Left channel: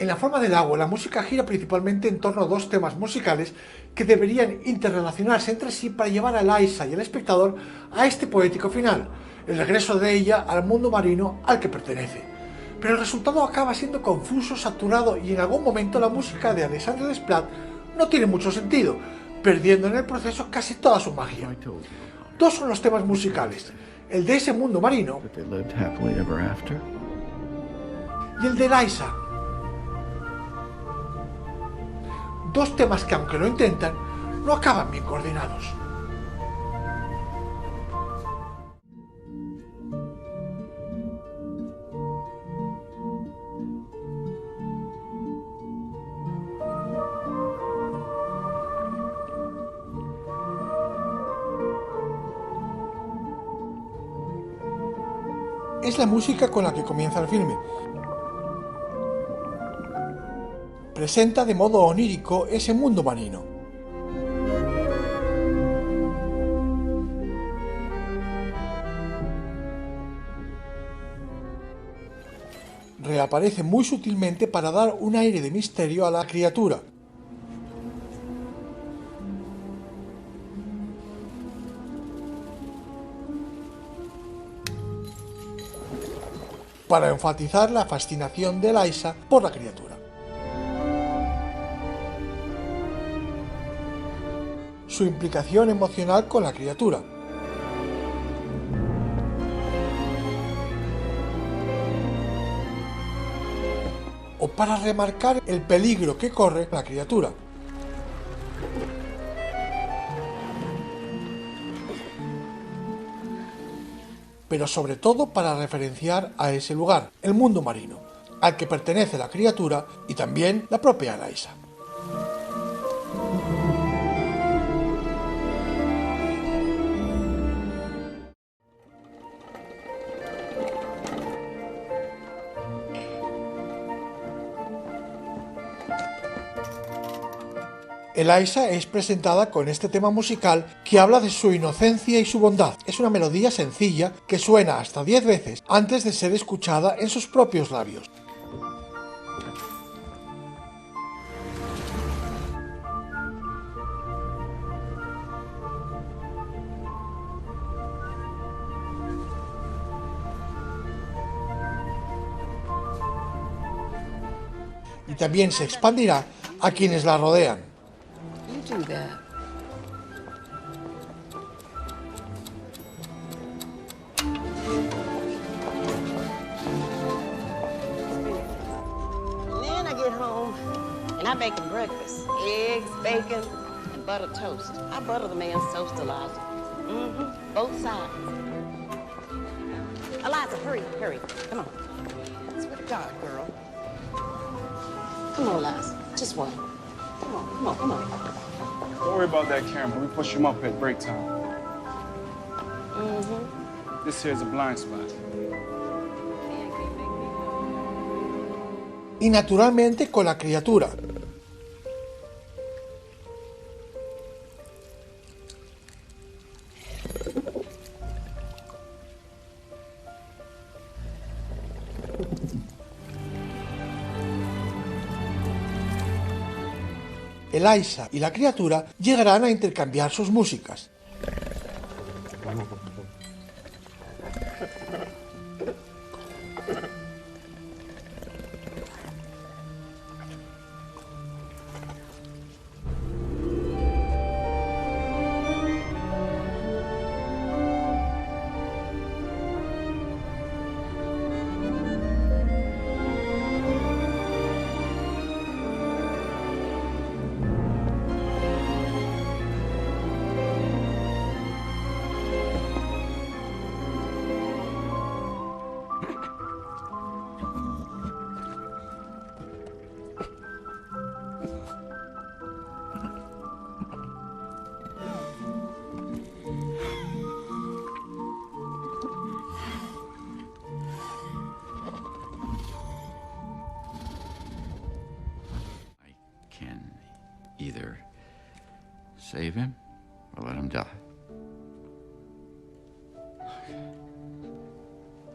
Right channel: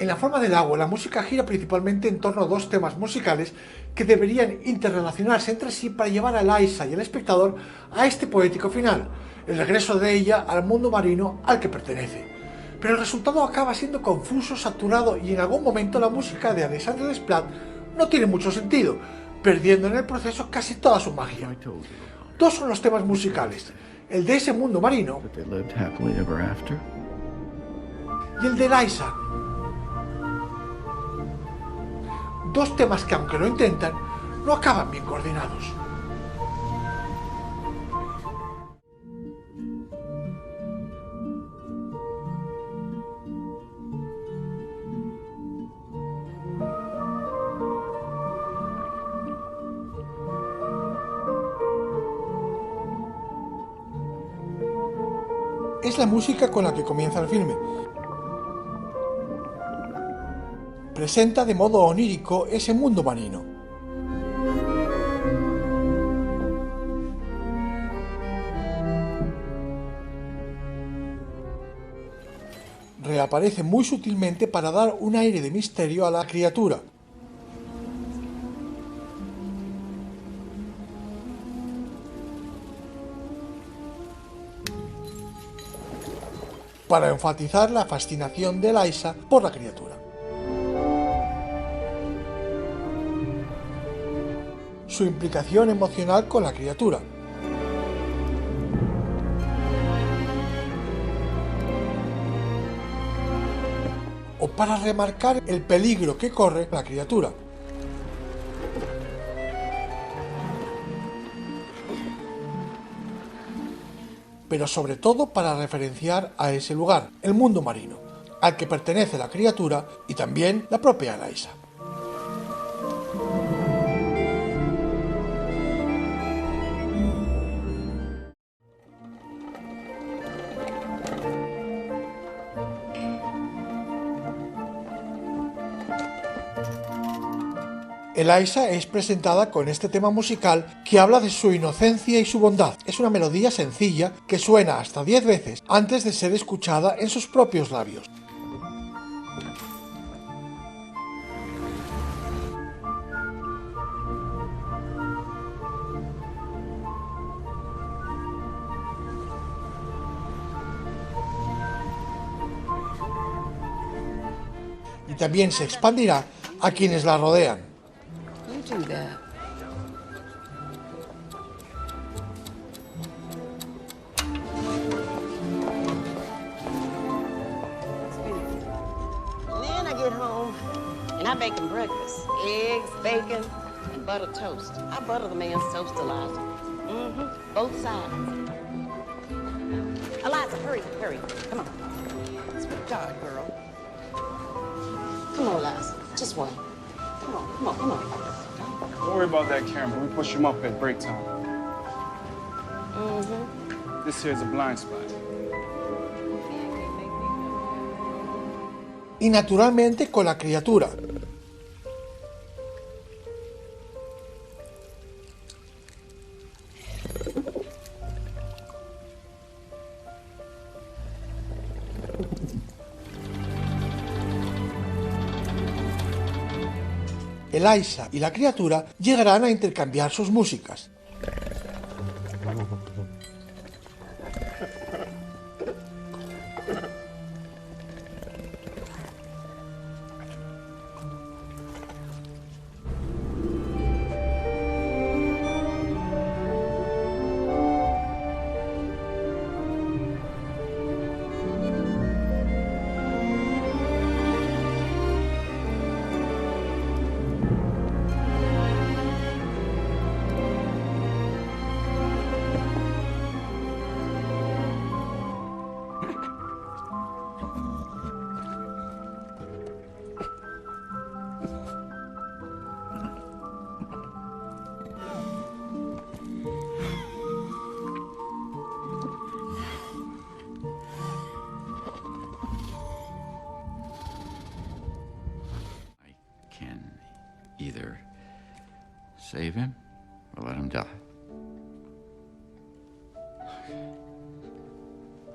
En La forma del agua, la música gira principalmente en torno a dos temas musicales que deberían interrelacionarse entre sí para llevar a Eliza y al espectador a este poético final, el regreso de ella al mundo marino al que pertenece. Pero el resultado acaba siendo confuso, saturado y en algún momento la música de Alexandre Desplat no tiene mucho sentido, perdiendo en el proceso casi toda su magia. Dos son los temas musicales, el de ese mundo marino y el de Eliza. Dos temas que, aunque lo intentan, no acaban bien coordinados. Es la música con la que comienza el filme. Presenta de modo onírico ese mundo marino. Reaparece muy sutilmente para dar un aire de misterio a la criatura. Para enfatizar la fascinación de Eliza por la criatura. Su implicación emocional con la criatura. O para remarcar el peligro que corre la criatura. Pero sobre todo para referenciar a ese lugar, el mundo marino, al que pertenece la criatura y también la propia Eliza. Eliza es presentada con este tema musical que habla de su inocencia y su bondad. Es una melodía sencilla que suena hasta 10 veces antes de ser escuchada en sus propios labios. Y también se expandirá a quienes la rodean. You do that. And then I get home and I bake him breakfast. Eggs, bacon, and butter toast. I butter the man's toast, Eliza. Both sides. Eliza, hurry, hurry. Come on. Swear to God, girl. Come on, Eliza. Just one. Come on, come on, come on. Don't worry about that camera. We push him up at break time. This here's a blind spot. Y naturalmente con la criatura. Eliza y la criatura llegarán a intercambiar sus músicas. Either save him or let him die.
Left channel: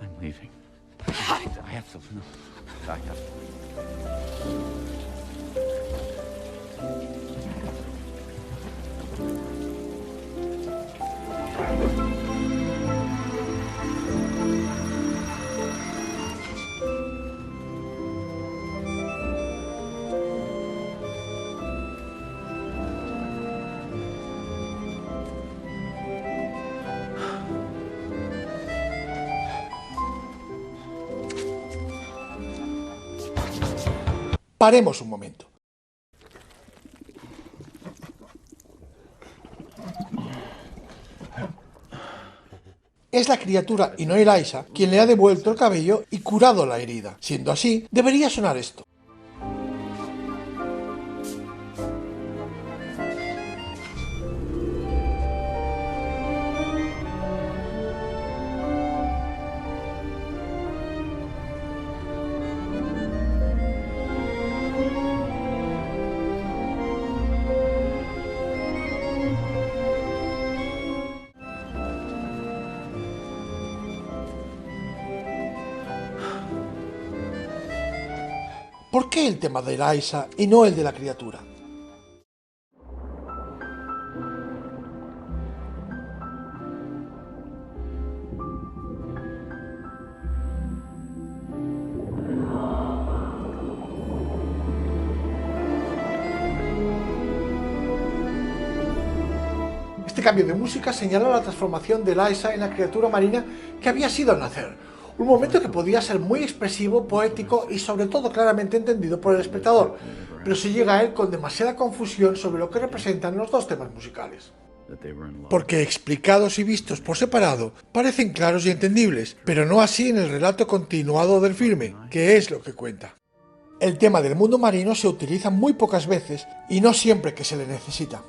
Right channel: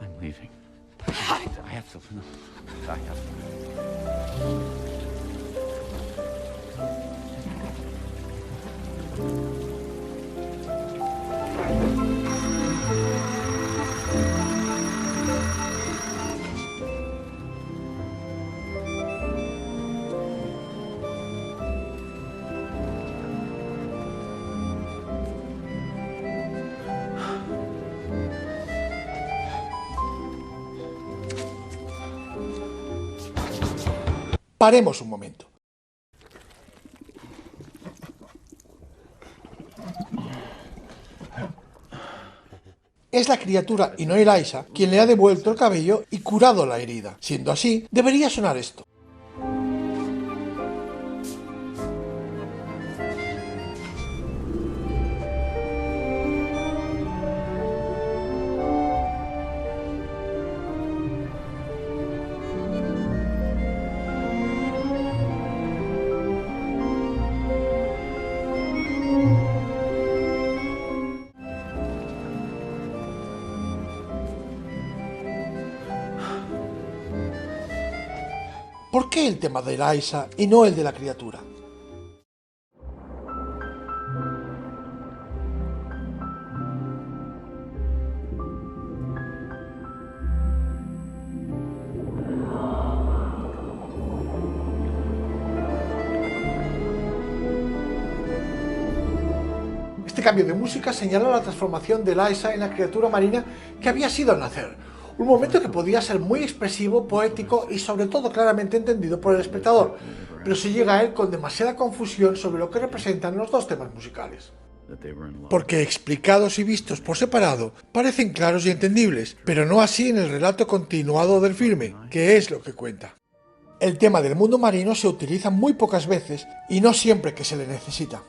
I'm leaving. I have to. No, I have to. Paremos un momento. Es la criatura y no Eliza quien le ha devuelto el cabello y curado la herida. Siendo así, debería sonar esto. ¿Por qué el tema de Eliza y no el de la criatura? Este cambio de música señala la transformación de Eliza en la criatura marina que había sido al nacer. Un momento que podía ser muy expresivo, poético y sobre todo claramente entendido por el espectador, pero se llega a él con demasiada confusión sobre lo que representan los dos temas musicales. Porque explicados y vistos por separado parecen claros y entendibles, pero no así en el relato continuado del filme, que es lo que cuenta. El tema del mundo marino se utiliza muy pocas veces y no siempre que se le necesita.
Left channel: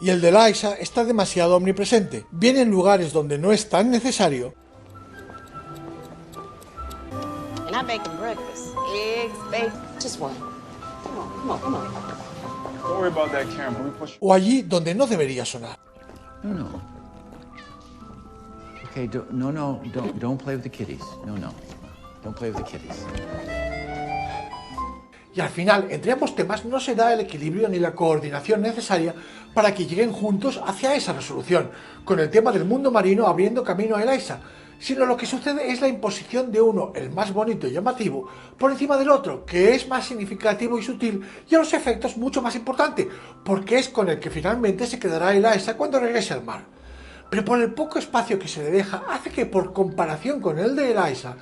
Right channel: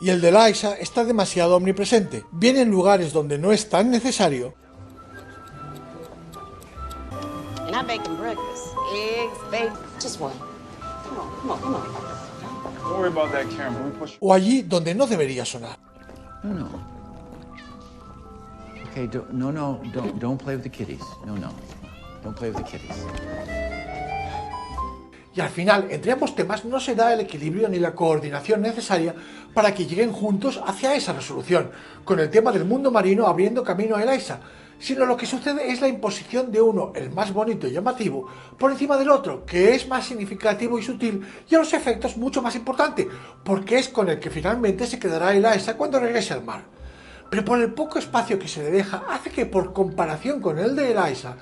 Y el de Eliza está demasiado omnipresente, bien en lugares donde no es tan necesario. And I bake them breakfast. Eggs, bacon. Just one. Come on, come on, come on. Don't worry about that camera. We push. O allí donde no debería sonar. No. Okay, don't play with the kitties. No. Don't play with the kitties. Y al final, entre ambos temas no se da el equilibrio ni la coordinación necesaria para que lleguen juntos hacia esa resolución, con el tema del mundo marino abriendo camino a Eliza, sino lo que sucede es la imposición de uno, el más bonito y llamativo, por encima del otro, que es más significativo y sutil, y a los efectos mucho más importante, porque es con el que finalmente se quedará Eliza cuando regrese al mar. Pero por el poco espacio que se le deja, hace que por comparación con el de Eliza,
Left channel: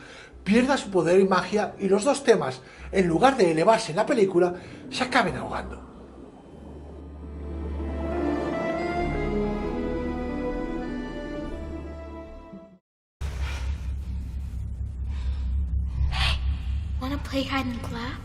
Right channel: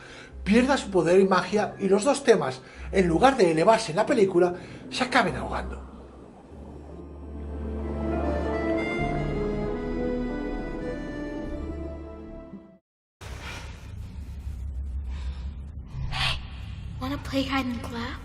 pierda su poder y magia y los dos temas, en lugar de elevarse en la película, se acaben ahogando. Wanna play hide and clap?